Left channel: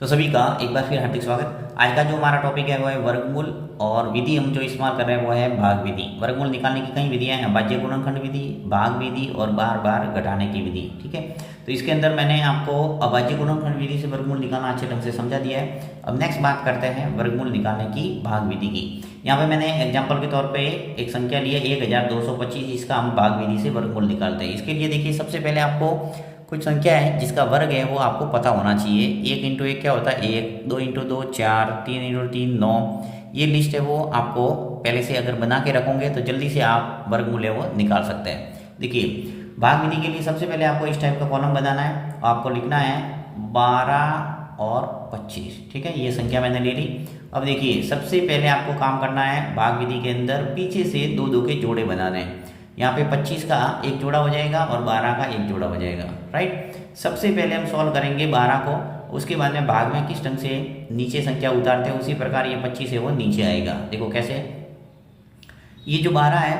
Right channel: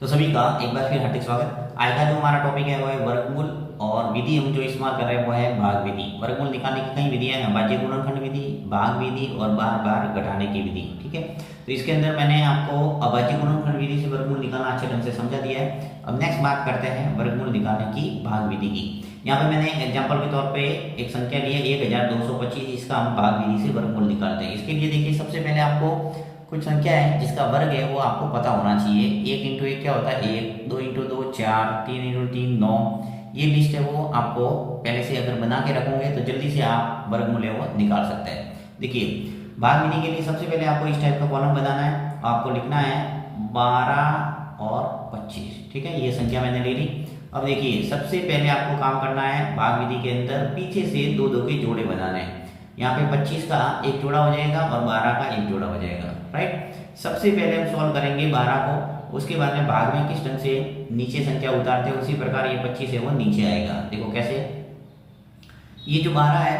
तो सभी का एक बार फिर हार्दिक स्वागत। आज का जो हमारा टॉपिक है वो है वर्गमूल और विधि हम जो इस्तेमाल कर रहे हैं वो है भाग विधि। वर्गमूल निकालने की कई विधियां हैं, भाज्य गुणनखंड विधि, भाग विधि और बार बार घटाने की विधि। ठीक है, तो इसके अंदर मैंने आपको अभाज्य गुणनखंड विधि से वर्गमूल निकालना अच्छे ढंग से समझा दिया है। अब नेक्स्ट बात करते हैं वर्गमूल निकालने की भाग विधि की। यहाँ पे मैंने एग्जाम्पल के तौर पे एक संख्या ली है 1225, जिसका हम भाग विधि से वर्गमूल निकालते हैं। इसके लिए देखिए, सबसे पहले आपको कुछ संख्या है जिसका वर्ग है वो आपको पता होना चाहिए। 1 इंटू 1 क्या होता है 1, 2 इंटू 2 4, 3 इंटू 3 9। ये लिस्ट है वो आपको पहले से अगर बना के रखोगे तो जल्दी से आप वर्गमूल है वो निकाल सकते हैं। देखिए, भाग विधि के लिए सबसे पहले आपको इस टाइप का कॉलम बनाना है। आपको लिखना है 12 और 25। ठीक है, ये संख्या मैंने ले ली। अब देखिए, सबसे पहले आपको काम करना है भाग विधि के अंदर पीछे से दो दो के जोड़े बनाने हैं। यहाँ पे 25 का एक जोड़ा हो जाएगा और 12 का एक जोड़ा हो जाएगा। राइट, सबसे पहले हम सॉल्व करेंगे 12 को, उसके बाद में भाग में किस ढंग से नीचे संख्या उतारते हैं उसी प्रकार ये 25 है वो नीचे आएगा। देखो कैसे, ये जो 12 है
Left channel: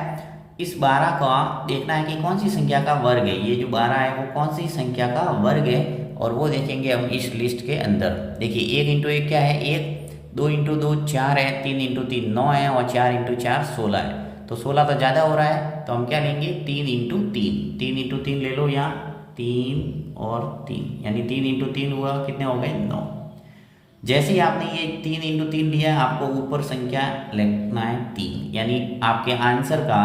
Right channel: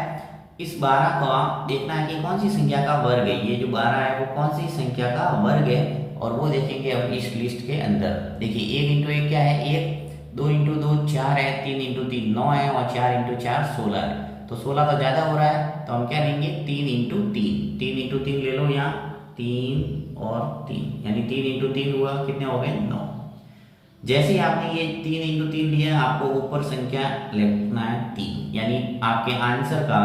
इस 12 का देखना है कि कौन सी संख्या का वर्ग है। ये जो 12 है वो कौन सी संख्या का वर्ग है और वो देखेंगे हम इस लिस्ट के अंदर। देखिए, 1 इंटू 1 क्या है 1, 2 इंटू 2 4 है, 3 इंटू 3 9 है और 4 इंटू 4 16 है। तो 16 तो ज़्यादा हो रहा है तो हम क्या लेंगे 3 इंटू 3। 3 इंटू 3 ले लो, यहाँ 3 और 3 यानी 3 इंटू 3 हुआ, कितने हो गए 9। जैसे ही आपने ये 3 इंटू 3 लिया है आपको ऊपर संख्या लिखना है 3, यानी आपके आंसर का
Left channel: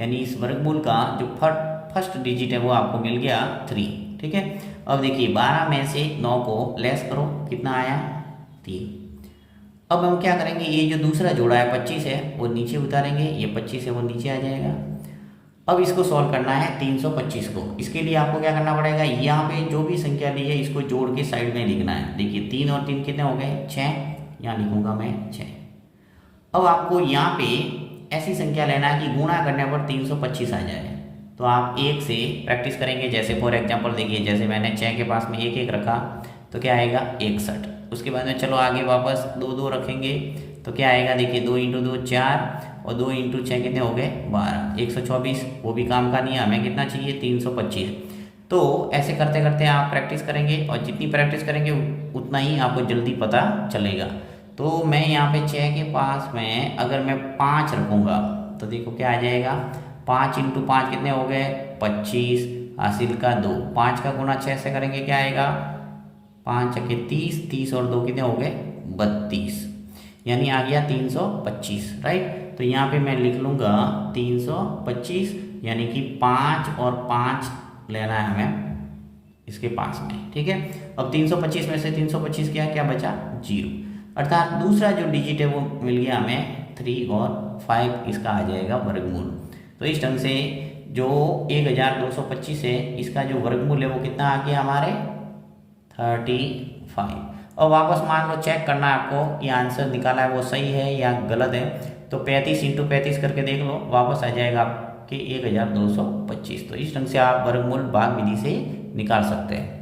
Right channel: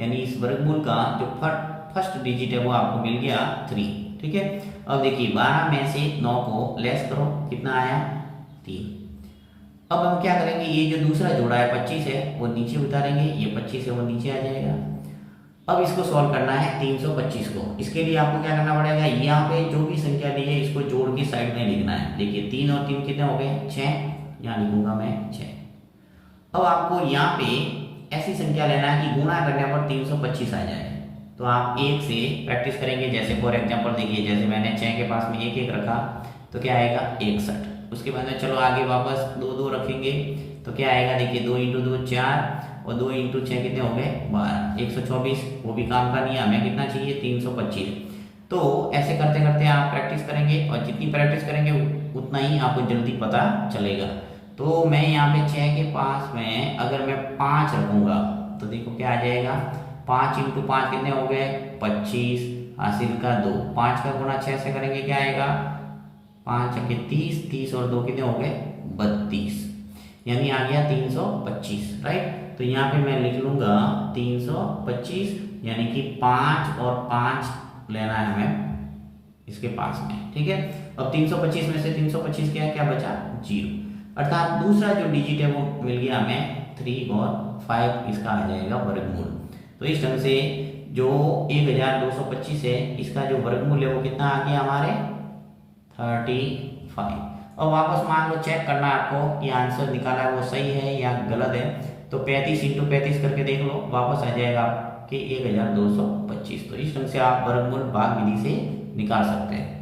यानी इस वर्गमूल का जो फर्स्ट डिजिट है वो आपको मिल गया 3। ठीक है, अब देखिए 12 में से 9 को लेस करो, कितना आया 3। अब हम क्या करेंगे, ये जो दूसरा जोड़ा है 25 है वो नीचे उतारेंगे, ये 25 है वो नीचे आ जाएगा। अब इसको सॉल्व करना है 325 को। इसके लिए आपको क्या करना पड़ेगा, यहाँ पे जो भी संख्या दी है इसको जोड़ के साइड में लिखना है। देखिए 3 और 3 कितने हो गए 6, यहाँ लिखूंगा मैं 6। अब आपको यहाँ पे ऐसी संख्या लेना है कि गुणा करने पर 325 आ जाए। तो आप एक से प्रैक्टिस करेंगे। जैसे फॉर एग्जाम्पल देखिए, जैसे मैंने 6 के पास में एक एक रखा तो क्या आएगा 61। उसके बाद में चलो आगे वापस 2 2 रखेंगे तो क्या आएगा, देखिए 2 इंटू 2 4 और 2 इंटू 6 कितने हो गए 12, 124। वो भी काम का नहीं है, हमें कितना चाहिए 325। तो ऐसे करते करते आप प्रैक्टिस करेंगे और जितनी प्रैक्टिस करेंगे उतना ही आपको जल्दी पता चलेगा। तो मैं यहाँ पे 6 के पास में अगर मैं 5 रखूँगा तो देखो क्या आ जाएगा, 5 इंटू 5 कितने हो गए 25, हासिल का 2। 5 का गुणा 6 से करेंगे क्या आएगा 5 के 30, 30 और 2 कितने हो गए 32, यानी आ गया 325। राइट, तो यहाँ पे मैं लिख लूँगा 325, यानी कि 5 और 5 लेना है हमें इसके पास में। ठीक है, अब 325 में से 325 क्या क्या बचा 0, अर्थात दूसरा जो डिजिट है वो मिल गया हमें 3 और 5, इसका आ जाएगा वर्गमूल। तो इस ढंग से जो 1225 है इसका जो वर्गमूल है वो कितना आ गया हमारे 35। और वापस मान लो चेक करना है आपको कि आंसर निकाला है वो सही है या गलत है। तो 35 इंटू 35 करके देख लो, वापस आ जाएगा आपके 1225। तो इस ढंग से आप वर्गमूल भाग विधि से निकाल सकते हैं।